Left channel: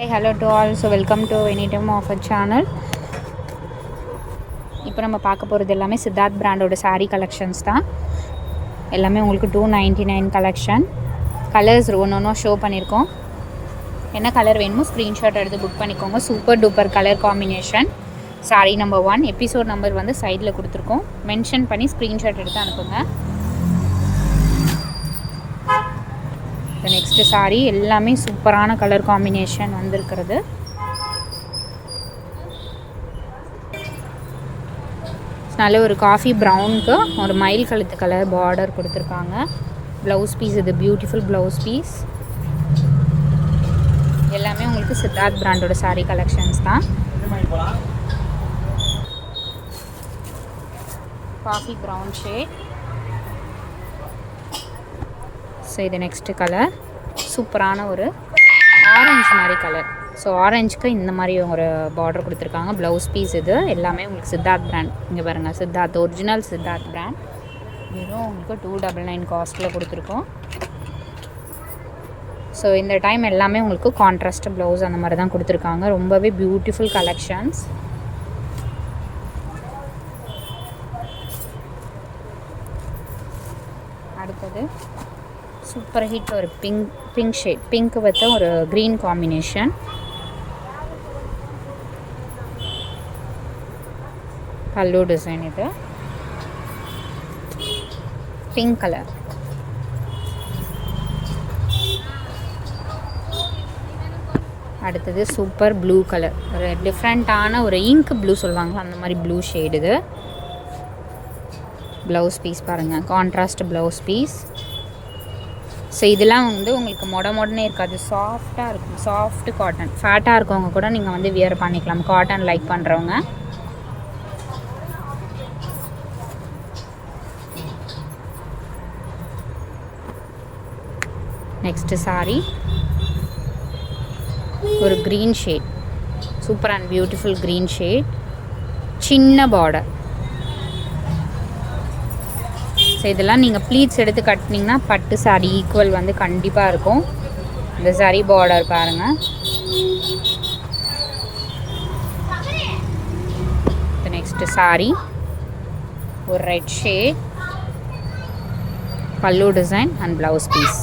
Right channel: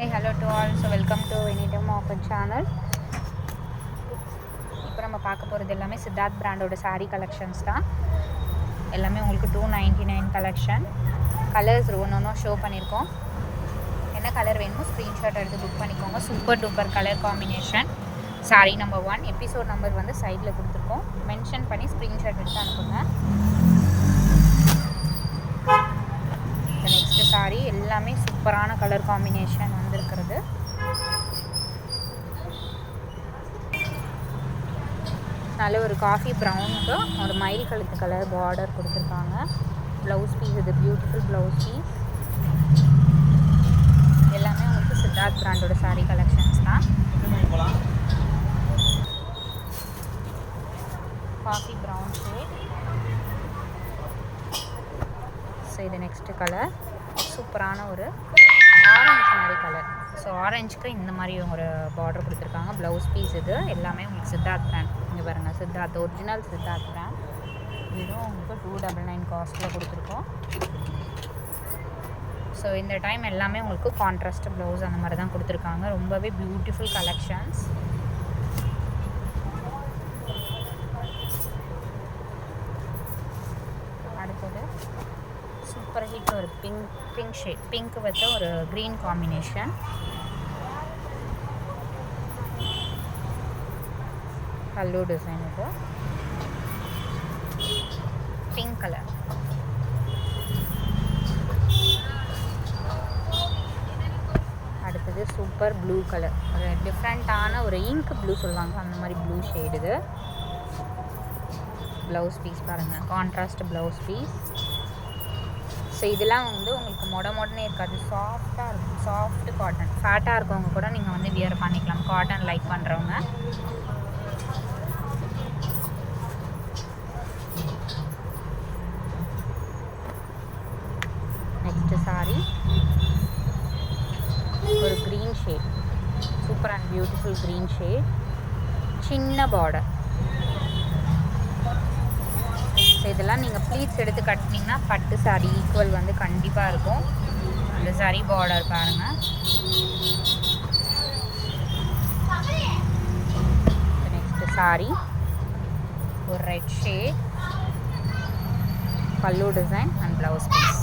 Hey, hello to all. So welcome to Anytime of a channel. இப்போ நம்ம பார்க்க போகிறது எல்லாமே சித்தார்த் பிராண்டோட saree கலெக்ஷன்ஸ் தான். எல்லாமே உங்களுக்கு 299 கலெக்ஷன். கலர்ஸ் ஒன்று ஷோ பண்ணியிருக்கோம். என்ன கலர் வேணுமோ ஸ்க்ரீன்ஷாட் எடுத்து புக் பண்ணிக்கோங்க. Super duper colour combination. saree number 1 episode number வந்து சைடில் கொடுத்துருக்கோம். மென்ஷன் பண்ணி ஸ்க்ரீன்ஷாட் எடுத்து அனுப்புங்க. நெக்ஸ்ட் saree எல்லாமே சூப்பரான கலர் காம்பினேஷன் வந்திருக்கிறது. நல்ல ஒரு காஃபி ப்ரௌனுக்கு ஒரு மயில் கழுத்து கலர் பார்டர் கொடுத்துருக்காங்க. ப்ளவுஸ் பீஸ் இது பியூட்டிஃபுல் ப்ளவுஸ் பீஸ். எல்லாமே உங்களுக்கு சித்தார்த் பிராண்டோட saree கலெக்ஷன்ஸ் தான். Coffee brown shade. ஸோ இது நெக்ஸ்ட்டு கலர் சூப்பரான ஒரு ஆரஞ்சு மாதிரி கலர். ஸோ ஆரஞ்சுக்கு இந்த மாதிரி ஒரு பார்டர் கொடுத்துருக்காங்க. ப்ளவுஸ் பீஸ் இது எல்லாமே உங்களுக்கு சித்தார்த் பிராண்ட். இங்கே பாருங்கள், சித்தார்த் ஒரிஜினல் சித்தார்த் பிராண்ட். வெறும் உங்களுக்கு 299 காஸ்ட்டில் கொடுத்துருக்கோம். ஸோ இந்த டைம் எல்லாமே உங்களுக்கு கான்ட்ராஸ்ட் ப்ளவுஸ் அந்த மாதிரி தான் கொடுத்துருக்காங்க. ரொம்பவே பியூட்டிஃபுல் கலெக்ஷன்ஸ். அடுத்தது சூப்பர் ஹிட் ஒரு பிங்க் ஷேட், பிங்க் வித் ஒரு க்ரீன் காம்பினேஷன். பல்லு டிசைன் இது பிங்க் கலர். அடுத்தது சூப்பர் ப்ளூ கலர், ஒரு டிஃப்ரெண்ட்டான ஒரு இங்க் ப்ளூ சொல்லுவாங்க அந்த மாதிரி ப்ளூ ஷேடு இது. ப்ளவுஸ் பீஸ் பாருங்கள், கான்ட்ராஸ்ட் ப்ளவுஸ் பீஸ். ஸோ இதெல்லாம் வந்து உங்களுக்கு மொடனே இருக்காது, சாஃப்டாக இருக்கும். சாஃப்ட் காட்டன், ஃபேட்டாக இருக்கவங்க கூட நீங்கள் வந்து வியர் பண்ணிக்கலாம், காட்டன் லைக் பண்ணுறவங்க. நெக்ஸ்ட்டு saree ஒரு green shade, super and beautiful green shade, சின்ன பார்டர். ஸோ இதெல்லாம் நீங்கள் ப்ளீட்ஸ் எடுத்து கட்டினீங்கன்னா பட்டு saree ஈக்குவல் வந்து கண்டிப்பாக இருக்கும். இந்த saree பார்டர் பாருங்கள். நெக்ஸ்ட்டு saree ஒரு red shade, pallu design and blouse piece.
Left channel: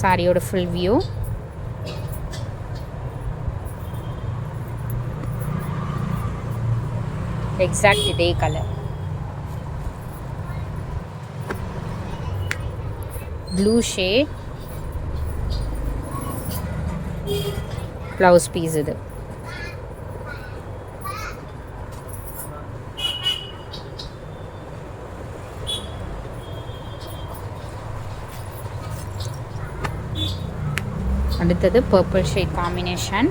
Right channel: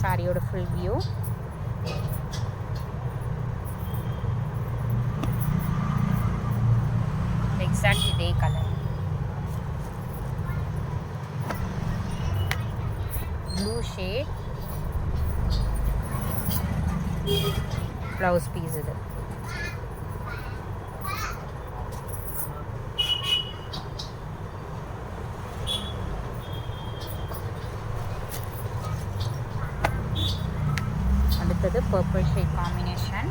சாரியோட ஃபுல் வியூ. எக்ஸாக்ட் இதே colour. Blue shade, blouse piece இது. அடுத்தது பர்பிள் ஷேட் காம்பினேஷன்.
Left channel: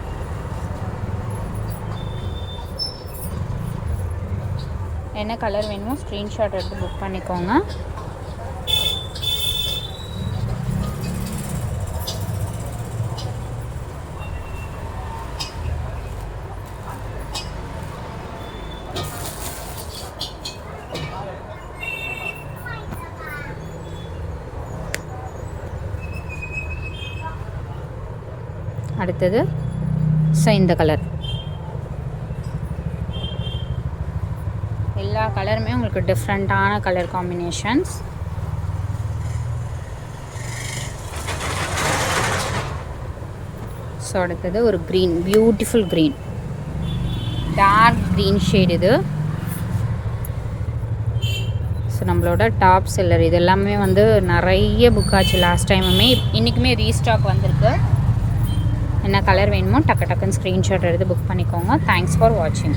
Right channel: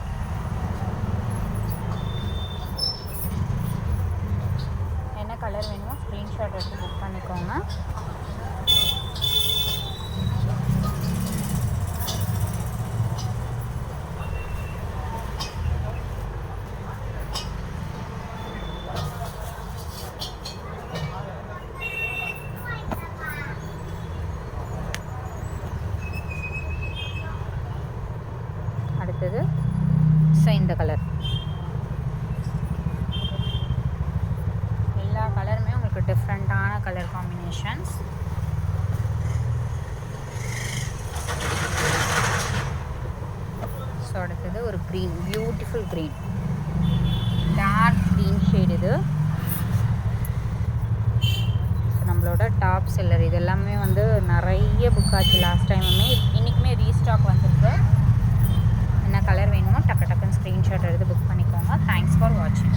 என்ன கலர் வேணுமோ ஸ்க்ரீன்ஷாட் எடுத்து புக் பண்ணிக்கோங்க. அடுத்தது ஸோ இந்த கலர். எல்லா கலருமே உங்களுக்கு டிஃப்ரெண்ட்டான கலர் காம்பினேஷன்ஸ். ஸோ அடுத்தது ஒரு green, beautiful green, dark green shade இது. ஸோ நம்மளோட டாப் செல்லர் இது எல்லாமே வந்து நிறைய புக் ஆச்சு லாஸ்ட் டைமுமே, இன்றைக்குமே ரீஸ்டாக் வந்திருக்கு. என்ன கலர் வேணுமோ டக்கு டக்குன்னு ஸ்க்ரீன்ஷாட் எடுத்து புக் பண்ணிக்கோங்க. தேங்க்ஸ் ஃபார் வாட்சிங்.